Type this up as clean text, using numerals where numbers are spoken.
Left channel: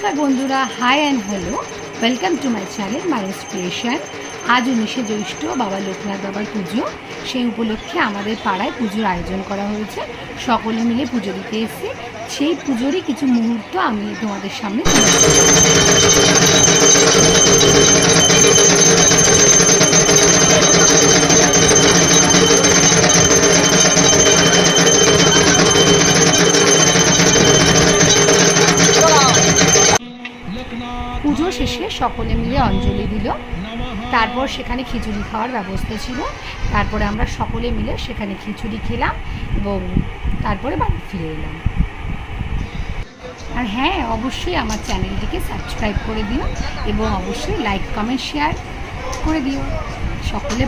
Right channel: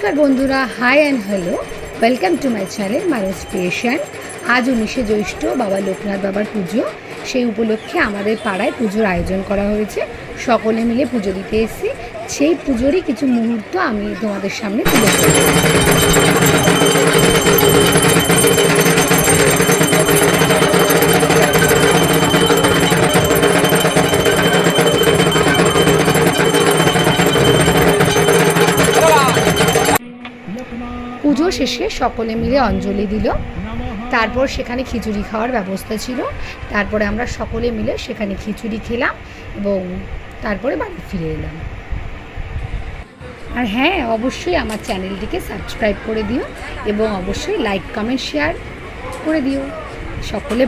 নমস্কার বন্ধুরা, hi and hello, welcome to my channel মাইরস ক্রিয়েশন। আজ 19শে জ্যৈষ্ঠ বাবা লোকনাথ বাবার পুজো। সেই উপলক্ষে আমাদের পাড়ায় পুজোর আয়োজন করা হয়েছে। সকলে মিলে পুজো দিতে এসেছি। সেই পুজোরই কিছু মুহূর্ত আমি তোমাদের সামনে তুলে ধরব। পুজো শেষে সকলে মিলে অঞ্জলি দিল। তারপর সেখানে খিচুড়ি খাওয়ার ব্যবস্থা ছিল। তারপরে আমরা সকলে মিলে সেখানে খিচুড়ি খেলাম এবং তারপরে বাড়ি ফিরে এলাম। আর হ্যাঁ, অবশ্যই আমার চ্যানেলটিকে সাবস্ক্রাইব করে দিও এবং অবশ্যই লাইক কমেন্ট শেয়ার করে দিও। সকলে